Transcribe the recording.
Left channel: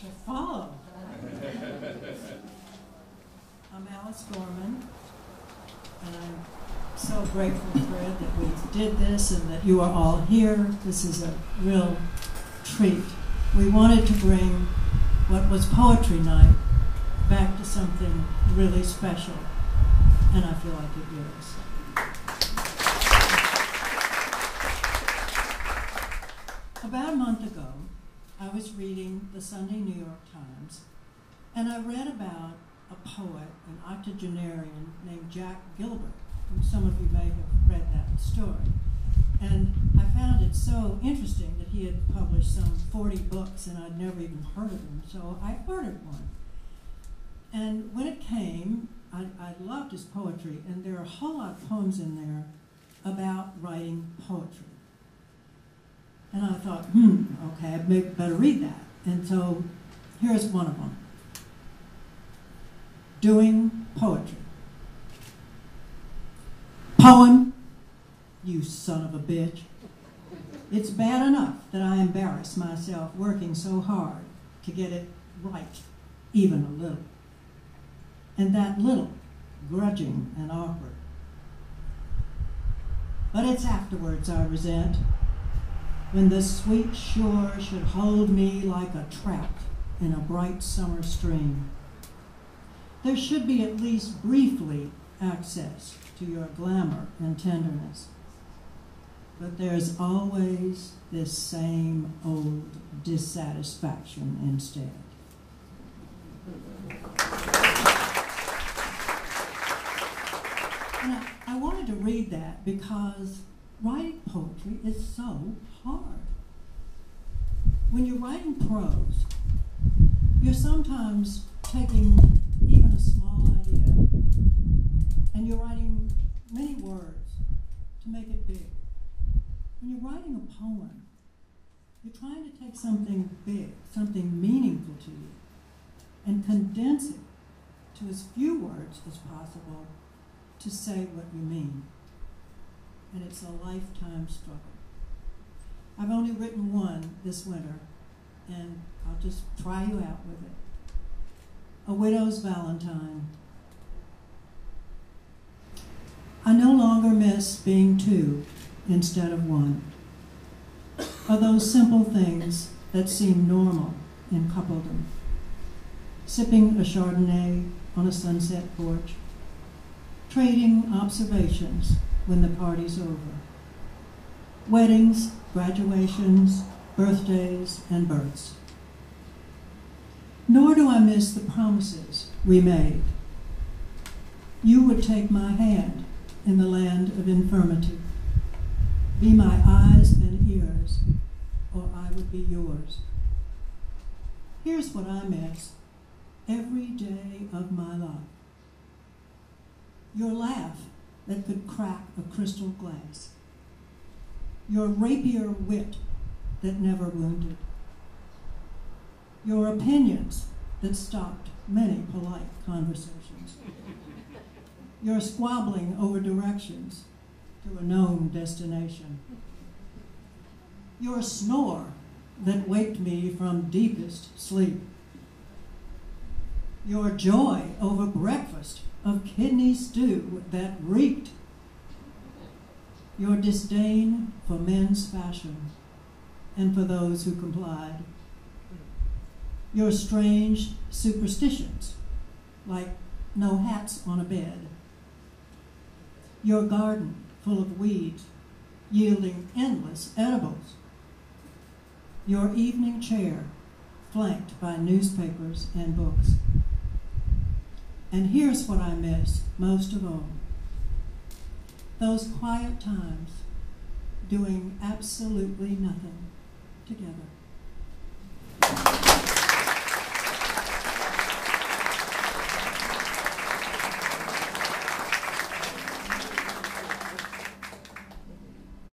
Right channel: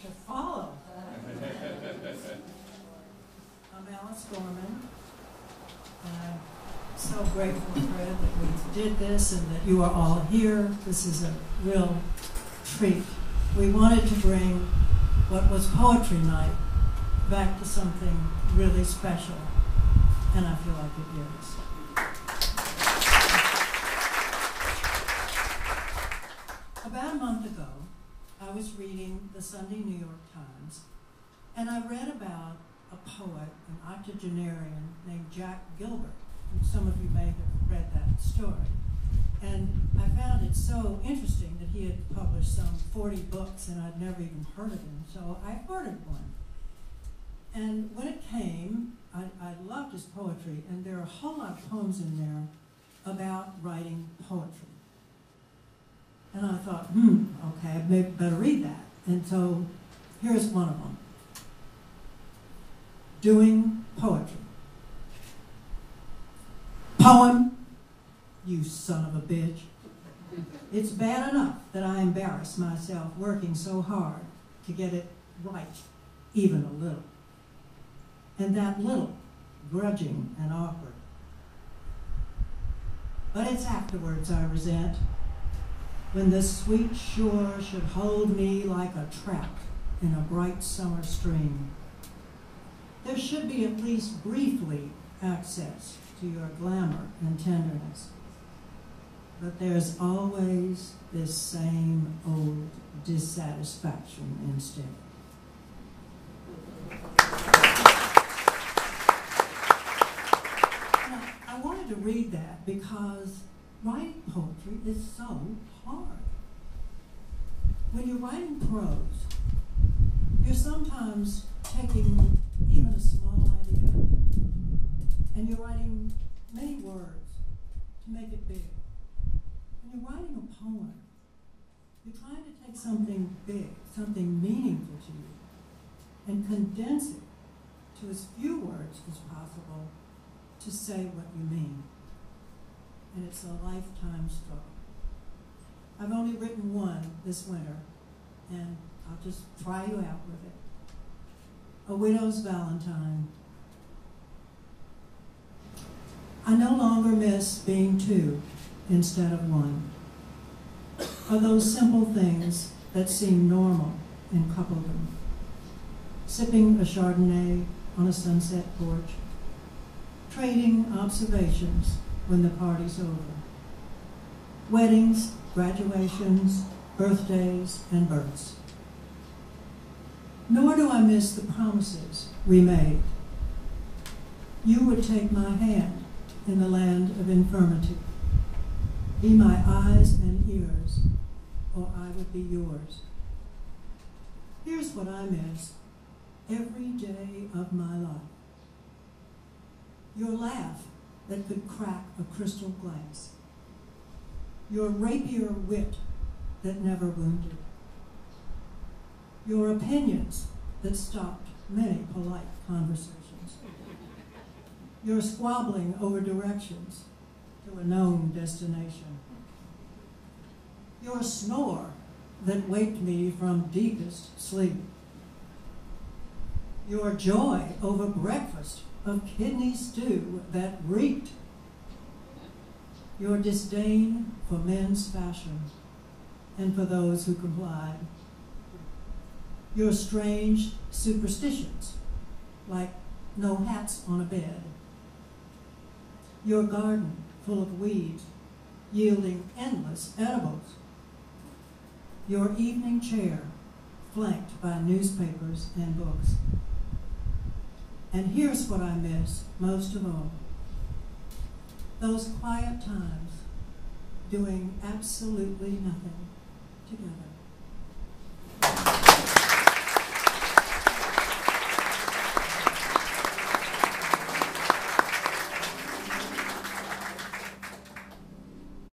to follow. I'm Alice Gorman, and I'm so grateful, Fred, that we did this and that you are all here. This is a real treat. We wanted to bring what was Poetry Night back to something really special, and I feel like it is. About a month ago, I was reading the Sunday New York Times, and I read about a poet, an octogenarian named Jack Gilbert. Some of you may have read that story. And I found it so interesting that he had published some 40 books, and I'd never even heard of him, so I ordered one. And when it came, I loved his poetry, and there are a whole lot of poems in there about writing poetry. And I thought, okay, I better read that. And so here's one of them. Doing poetry. Poem, you son of a bitch. It's bad enough that I embarrass myself working so hard to get it right, even a little. And that little, grudging and awkward. But it's afterwards I resent, when the sweet shore should hold me like a trout in a bright summer stream. There should be at least briefly access to your glamour and tenderness. But there's always this same old dissatisfaction instead. And I wanted to read that because writing poetry is so hard. When you're writing prose, you're sometimes taking even a small idea and you're writing many words to make it big. When you're writing a poem, you're trying to take something big, something meaningful to you, and condense it to as few words as possible to say what you mean. And it's a lifetime struggle. I've only written one this winter, and I'll just try you out with it. A Widow's Valentine. I no longer miss being two instead of one. Are those simple things that seem normal in coupledom. Sipping a Chardonnay on a sunset porch, trading observations when the party's over. Weddings, graduations, birthdays, and births. Nor do I miss the promises we made. You would take my hand in the land of infirmity, be my eyes and ears, or I would be yours. Here's what I miss every day of my life. Your laugh that could crack a crystal glass. Your rapier wit that never wounded. Your opinions that stopped many polite conversations. Your squabbling over directions to a known destination. Your snore that waked me from deepest sleep. Your joy over breakfast of kidney stew that reeked. Your disdain for men's fashion and for those who complied. Your strange superstitions, like no hats on a bed. Your garden full of weeds, yielding endless edibles. Your evening chair, flanked by newspapers and books. And here's what I miss most of all. Those quiet times doing absolutely nothing together.